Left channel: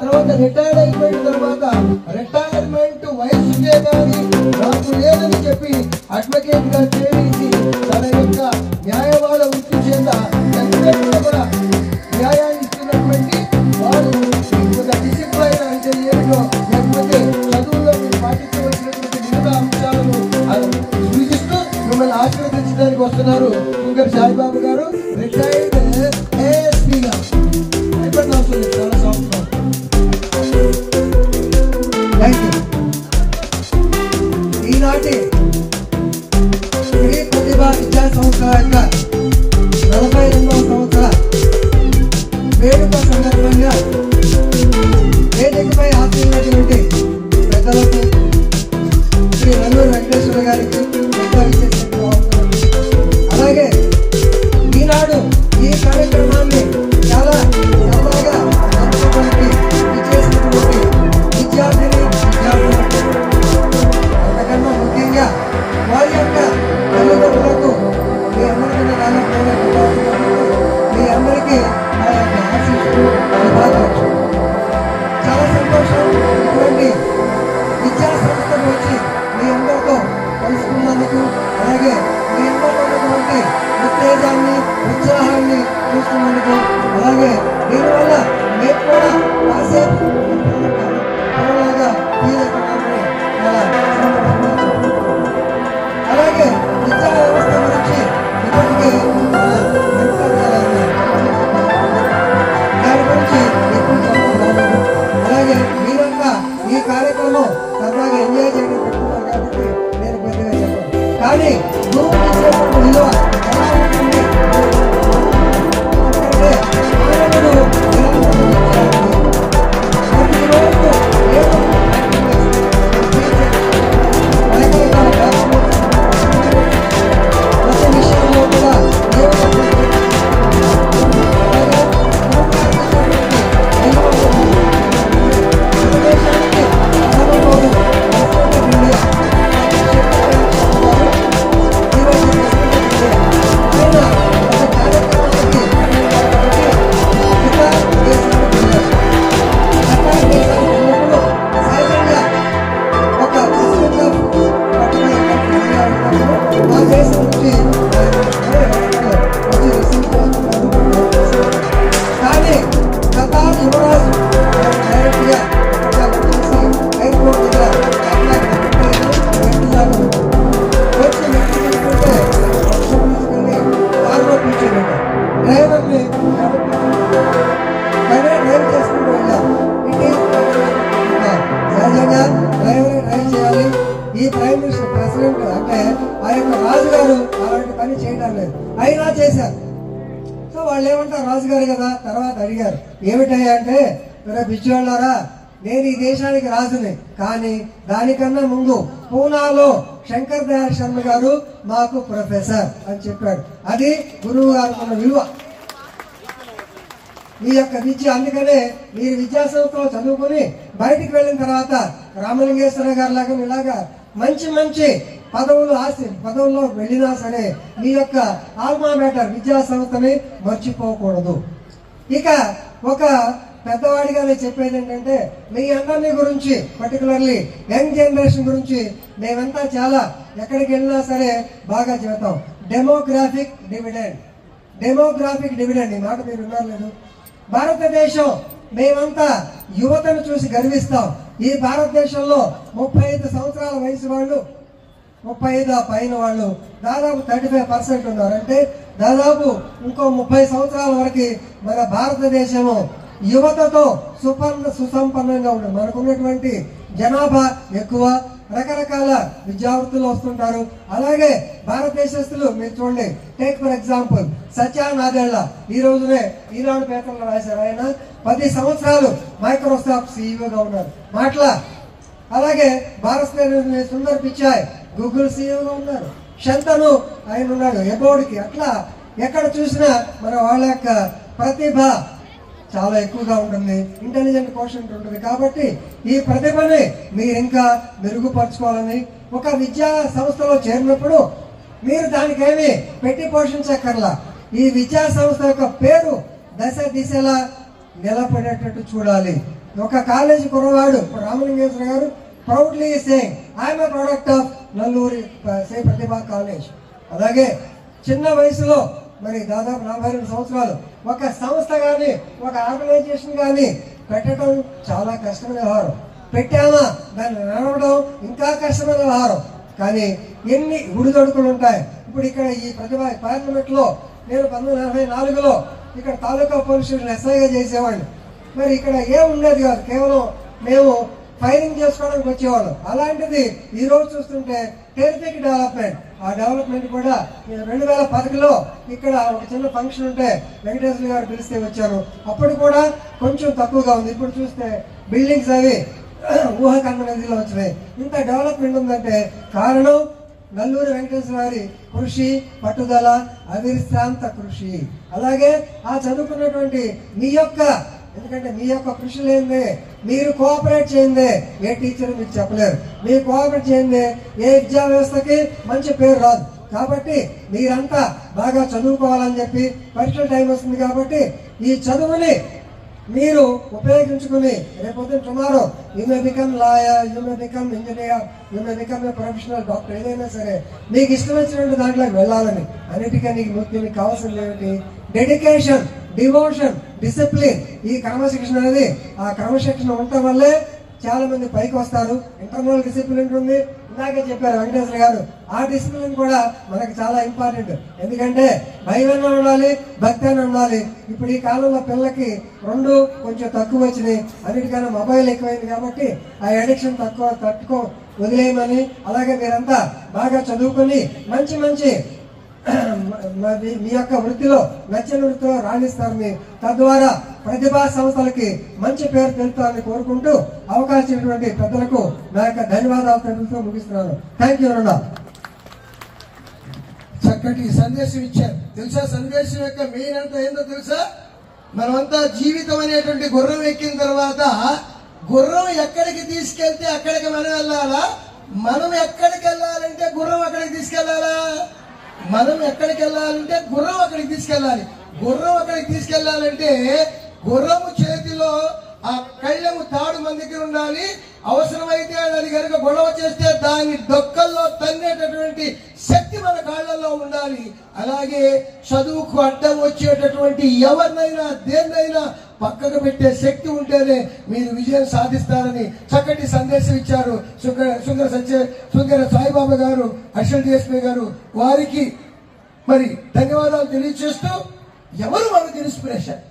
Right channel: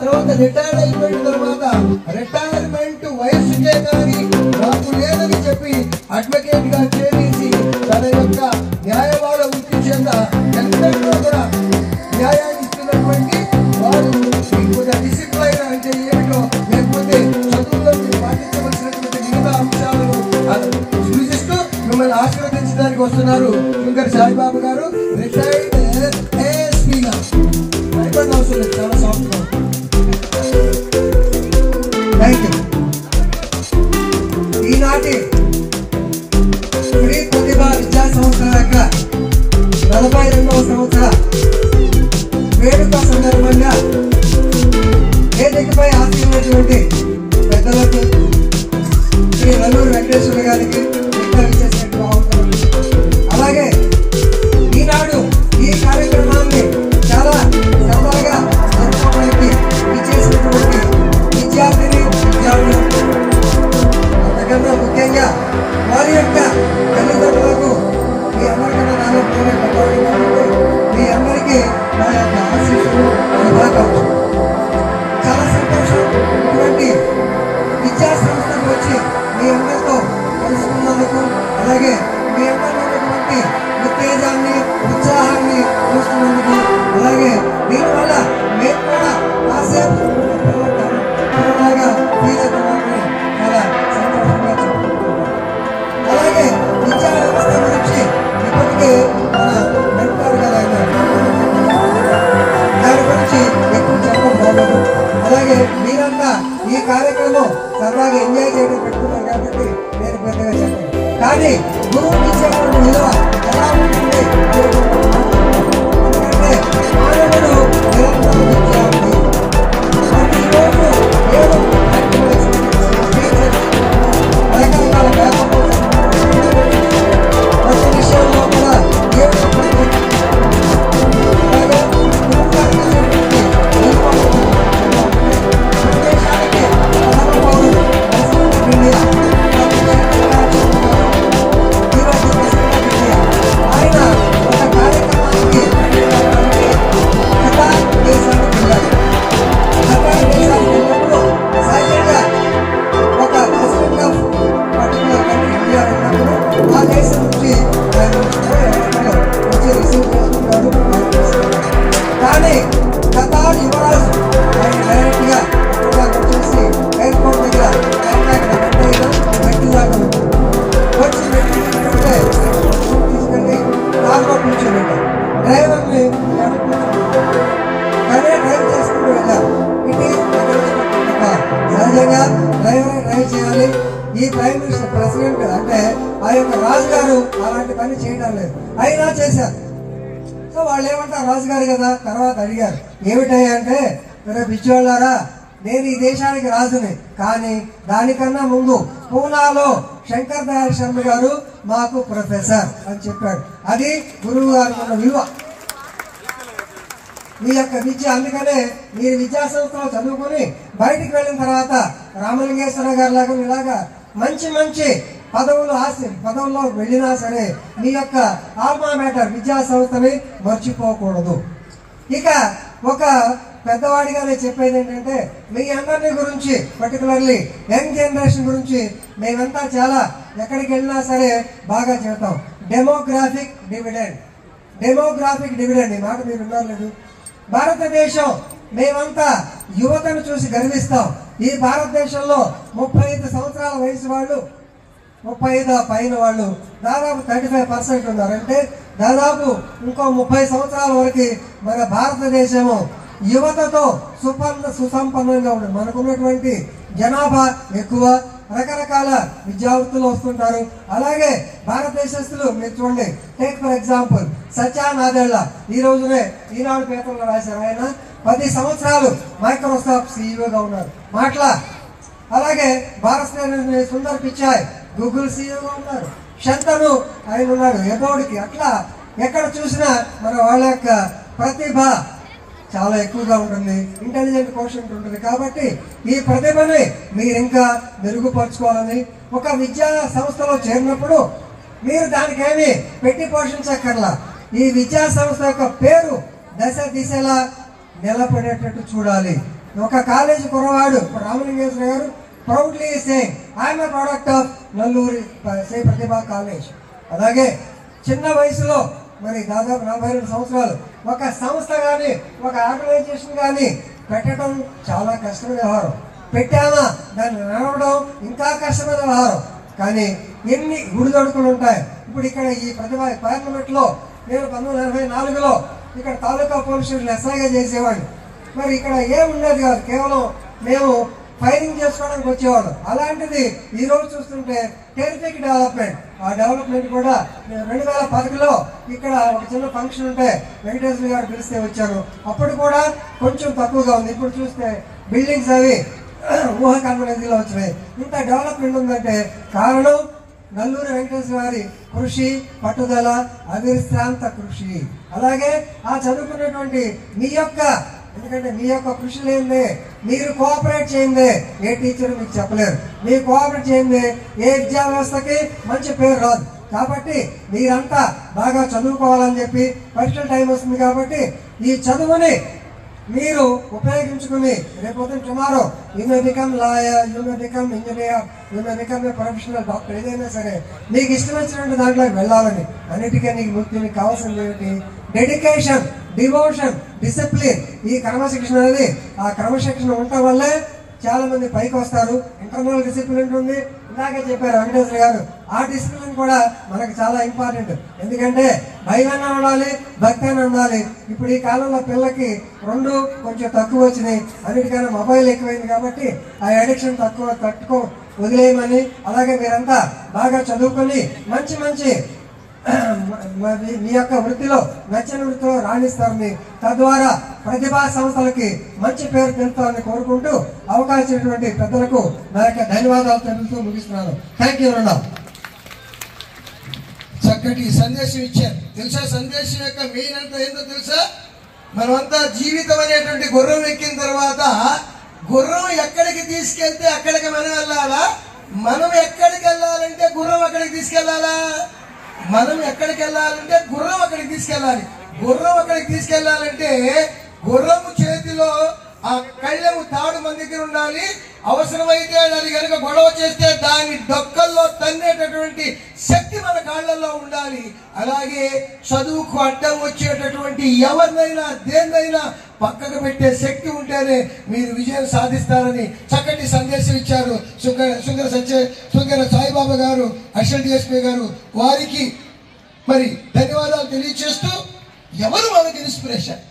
తర్వాత రిటైర్డ్ అయిపోయిన తర్వాత రిటైర్మెంట్ వయసుకే కానీ నాకు లేదని చెప్పి అడ్వకేట్ గా చేసి తన యొక్క న్యాయవాద వృత్తి చెంద ఎంతకంటే కూడా న్యాయాన్ని ఇచ్చినటువంటి వారు డిసిప్లైన్ అంటే ఏమిటో లేకపోతే చదువులో పాటించవలసినటువంటి మిగతా అంశాలను సూచిస్తూ మిమ్మల్ని ఆశీర్వదించడానికి వస్తున్నారు శంకర్ సాయిబాబు గారు, రిటైర్డ్ ఏఎస్పీ గా. చాలా సంవత్సరం. ఈనాటి శ్రీ ప్రతిభ విద్యా సంస్థ యొక్క 42వ సంవత్సర వేడుక సందర్భంగా వేదికపై ఆశీర్వదించినటువంటి పెద్దలకు శ్రీ నల్లూరు వెంకటేశ్వర గారికి అలాగే ఈనాడు ఈ కార్యక్రమాన్ని చాలా సరదాగా జరుపుకోవడానికి ఇచ్చేసినటువంటి విద్యార్థిని విద్యార్థులు, అంతకన్నా ముఖ్యంగా వారి యొక్క తల్లిదండ్రులకు మీ అందరికన్నా దాదాపు పెద్దవాడు కాబట్టి మీ అందరికీ నా యొక్క ఆశీస్సులు, శుభాకాంక్షలు. చాలా సంతోషం ఇటువంటి విద్యా సంస్థకు వచ్చి మీ అందరితో కలుసుకున్నందుకు, అలాగే మీ అందరితో ఉన్నటువంటి ఉత్తేజాన్ని, ఉత్సాహాన్ని చూస్తున్నందుకు, అలాగే దీనివల్ల మేము కూడా కాసేపు పిల్లలాగా ఫీల్ అవుతున్నామని చాలా సంతోషంగా చెప్పుకుంటున్నాం. అలాగే విద్యా వ్యవస్థ గురించి ఇప్పటికే మన వెంకటారావు గారు దాని గురించి ఎక్కువ చెప్పడం బాగోదు. అలాగే మీరంతా ఈ కార్యక్రమం సరదాగా ఎంజాయ్ చేయడం పెట్టుకున్నారు కాబట్టి నేను పెద్దగా చెప్పాను. కానీ గురువుకి ఇచ్చేటువంటి విలువ ఎలా ఉంటుంది ఎందుకంటే మానవుడు నిరంతర విద్యార్థి. ప్రతిరోజు ఏదో ప్రాక్టికల్ ఎక్స్పీరియన్స్ రకరకాల పేపర్లు ప్రతి విషయంలో కూడా ఏదో అలాగే గురువు గారికి ఇచ్చేటువంటి విలువ మన దేశానికి ప్రధాన పౌరుడు ప్రెసిడెంట్ ఆఫ్ ఇండియా గారు ఈరోజు ప్రెసిడెంట్ ఆఫ్ ఇండియా ఆయన ఒక కార్యక్రమానికి ఖతార్ దేశానికి వెళ్ళారు. ఖతార్ దేశానికి వెళ్ళినప్పుడు సహజంగా ఒక president of particular country India వెళ్ళినప్పుడు ఆ దేశం నుంచి ఎవరికో వచ్చి రిసీవ్ చేసుకుంటారు. కానీ ఖతార్ యువరాజు ఆయన డైరెక్ట్ గా వచ్చేసి ఎయిర్పోర్ట్ దగ్గర మెట్టు దాకా వచ్చి మెట్టు తీసుకుంటే తీసుకెళ్ళి కార్లో కూర్చోబెట్టారు. డ్రైవర్ని ఎవరు కూర్చోబెట్టారు కానీ డ్రైవ్ చేసుకుంటూ వెళ్ళారు. ఇది సహజంగా డ్రైవ్ చేయాలి. ఈ ప్రైమ్ మినిస్టర్ ప్రెసిడెంట్ అంటే ఆ యొక్క రాజుగారు అలాంటి పని చేయడం లేదు, అయినా చేశారు. సో వాళ్ళు ఏమంటారు, రాజుగారు కదా. తర్వాత అడిగారు ఏమిటయ్యా అంటే, పిచ్చివాళ్ళారా నేను ఈ దేశానికి రాజుని, కానీ దానికన్నా ముందు పూనాలో శంకర్ దయాళ్ శర్మ గారు మాకు ప్రొఫెసర్ అని చెప్పాడు. అది గురువు గారు మన విలువ, మీ యొక్క విద్య. అందుకనే మీరు విద్యా సంస్థలో చదువుకుని బయటికి వెళ్ళిన తర్వాత రామలింగేశ్వర గారి లాగా ఇలాగా మంచి మంచి పదవుల్లో వెళ్ళినా సరే మీ యొక్క ఆల్మా మ్యాటర్ విద్యా సంస్థని మర్చిపోకూడదు. ఇక ఒక పెద్దవాడిగా నేను చెప్పేది ఏంటంటే, మీ అందరినీ గురించి పర్టికులర్లీ యంగ్ జనరేషన్ గురించి మేమంతా చాలా ఎక్కడికి వెళ్ళినా సరే బాగా చెప్తాం. డెమోగ్రాఫిక్ డివిడెండ్ ఈ మాట మీరు విన్నారు లేదు. భారతదేశం మేమంతా యువతను చూసి గర్విస్తాం. ఈ భారతదేశంలో 35 సంవత్సరాల వయసు వాళ్ళు, 35 పైన వాళ్ళు దాదాపు 35% ఉన్నారు. అంటే దాదాపు ఇంకో 30 సంవత్సరాల వరకు మన భారతదేశము యువతతో సుసంపన్నంగా ఉంటుంది. మనకున్నటువంటి జనాభా ఎక్కువ, రకరకాల విద్యావృత్తులు వస్తుంటారు. అలాగే భారతదేశస్తులు మీరు చూడండి, టేక్ ఫర్ ఎగ్జాంపుల్ సత్యానాదెళ్ల ఈ రోజునే ఈనాడు పేపర్లో రాశారు. ఆయన 10 సంవత్సరాలు మైక్రోసాఫ్ట్ సీఈఓగా ఉన్నారు. అలాగే భారత్ సుందర్ పిచాయ్ గూగుల్ సీఈఓగా ఉన్నారు. శంతను ఆయన ఉన్నాడు ఎబోర్డ్కి. అట్లా ఎక్కడ చూసినా మన వాళ్ళ యొక్క ప్రతిభ చాలా ఎక్కువగా ఉంటుంది, ఇంటెలిజెంట్ కోషంట్ ఉంటుంది. కాబట్టి ఈ ప్రతిభని మీరు ఇంకా మెరుగుపరచుకోవాలని, ఒక విద్యా సంస్థలో చేరినప్పుడు మీరు దానికేమి పెట్టి పోషించక్కర్లా. ఈ విద్యా సంస్థ యొక్క పేరు దశ దిశలా నిలబడేటట్టు చూడాలి. ఒక కాలేజీ కుర్రవాడు రామలింగేశ్వర గారు proudly saying I'm a product of Nalluri Sri Pratibha college. అలాగే చిన్న వయసులో మరి దాదాపు 42 సంవత్సరాలు ఒక సంస్థ కానీ ఒక ఆర్గనైజేషన్ కానీ పెట్టడం చాలా కష్టమైన వ్యవహారం. పెట్టామా దాన్ని నడవడం ఇంకా కష్టమైన వ్యవహారం. కానీ ఎన్ని గుడిదొడుకులు ఉంటాయి. ఇప్పుడు ఇక్కడ ఈ ప్రతిభ పార్లమెంట్ లో నేను 1984లో ఇక్కడ తాలూకా పోలీస్ స్టేషన్ ఎస్ఐగా చేసేవాడిని. మరి ఇక్కడ ఏముండేది కాదు, కేవలం మేము ఫైరింగ్ చేసుకోవడానికి వచ్చేవాళ్ళు. అలాంటిది ఈ రోజు చూస్తుంటే టెరిఫిక్ డెవలప్మెంట్. ఆ డెవలప్మెంట్ కూడా 2010లో ఇక్కడ ఒక చిన్న ఫంక్షన్ ఉంటే వెంకటేశ్వర గారు పిలిస్తే వచ్చాను. అప్పుడు కూడా కొంచెం తక్కువగా ఉంది. ఇప్పుడు చూస్తే బిల్డింగ్స్ అవి ఊహకన్నదిలో వచ్చినాయి. ఇంత డెవలప్మెంట్ ఉందంటే కారణం నల్లూరి వెంకటేశ్వర గారి కృషి, పట్టుదల, అవిశ్రాంత కృషి. అలాగే ఆ చదువుకున్నటువంటి మీ యొక్క, ఎందుకంటే మీ యొక్క కృషి లేనిదే, మీరు కోఆపరేట్ చేయందే ఏ టీచర్ మీకు చెప్పలేరు. మీరు కోఆపరేట్ చేయందే ఏ విద్యా వ్యవస్థకి మంచి పేరు రాదు. కాబట్టి మీరంతా బాగా చదువుకోవాలని చెప్పి పరీక్షల టైం వస్తుంది కాబట్టి ఈ చదువుని మీరు ఉపయోగించుకుని రేపొద్దున tomorrow you may become lawyer, you may become engineer, you may become a professional doctor, ఏదైనా సరే మీకు ఇష్టం వచ్చినట్టు దాంట్లోకి వెళ్ళాలని. అన్నిటికీ మీకు కావాల్సింది ఏమిటి? Dedication, devotion, discipline. ఈ క్రమశిక్షణ అనేది, ఆ క్రమశిక్షణ ఉండటం వల్లే చాలా మంది పైకి వస్తారు. ఇంటర్నల్ డిసిప్లిన్ ఉంది, ఇందాకే చెప్పారు వెంకటేశ్వర గారు. ఆ డిసిప్లిన్ కూడా మనకు చాలా ఇంపార్టెంట్. ఎందుకంటే భయమైనా ఉండాలి, భక్తి అయినా ఉండాలి. ఇప్పుడు ఈ కాలంలో పిల్లలకి రెండు కొంచెం తక్కువ వచ్చినాయి. అన్నిటికన్నా మొబైల్ ఎక్కువైంది కాబట్టి ఆ అడిక్షన్ తట్టుకో వదిలేయమని. అలాగే మీరంతా బాగా చదువుకొని మంచి మంచి మీ యొక్క వృత్తిలో నచ్చిన వృత్తిలో రాణిస్తారని, తద్వారా ప్రతిభా సంస్థలకి మంచి పేరు తెలుపుతారని కోరుకుంటూ అవకాశం ఇచ్చినటువంటి పెద్దలకు నా యొక్క ధన్యవాదాలు తెలుపుతూ ముగిస్తున్నాను. థ్యాంక్ యూ అన్న. చక్కటి సందేశం ఇచ్చారు. తెలుసా సందేశం యొక్క మెయిన్ అంతా ఏందో తెలుసా? మనమంతా జీవితం అనేటువంటి గుర్రం ఎక్కిన తర్వాత గుర్రం ఎక్కడికి తీసుకెళ్తే అక్కడికి మనం వెళ్ళాలా? మనం ఎక్కడికి వెళ్ళాలంటే గుర్రం అక్కడికి తీసుకెళ్లాలా? మనం ఎక్కడికి వెళ్ళాలంటే గుర్రం అక్కడికి తీసుకెళ్ళాలి. గుర్రం అక్కడికి తీసుకెళ్లాలంటే గుర్రము చేతిలో ఆ కళ్ళెము తాడు మన దగ్గర ఉండాలి. అవసరమైతే అది కనుక గొడవ చేస్తే దాని డొక్కల్లో తన్నేటటువంటి శక్తి మన కాళ్లలో ఉండాలి. అలాగే చదువుకు అడ్డం వచ్చేటటువంటి ఎవరినైనా దేన్నైనా పక్కకు పెట్టే శక్తి ఉంటేనే మీరు విజయం సాధిస్తారని చక్కటి సందేశం ఇచ్చారు సుందర సాయిబాబా గారు, అడిషనల్ డిఎస్పీ గారు. వారికి మరి ధన్యవాదాలు తెలియజేస్తూ, ఎవరు మనకి ఇన్స్పిరేషన్?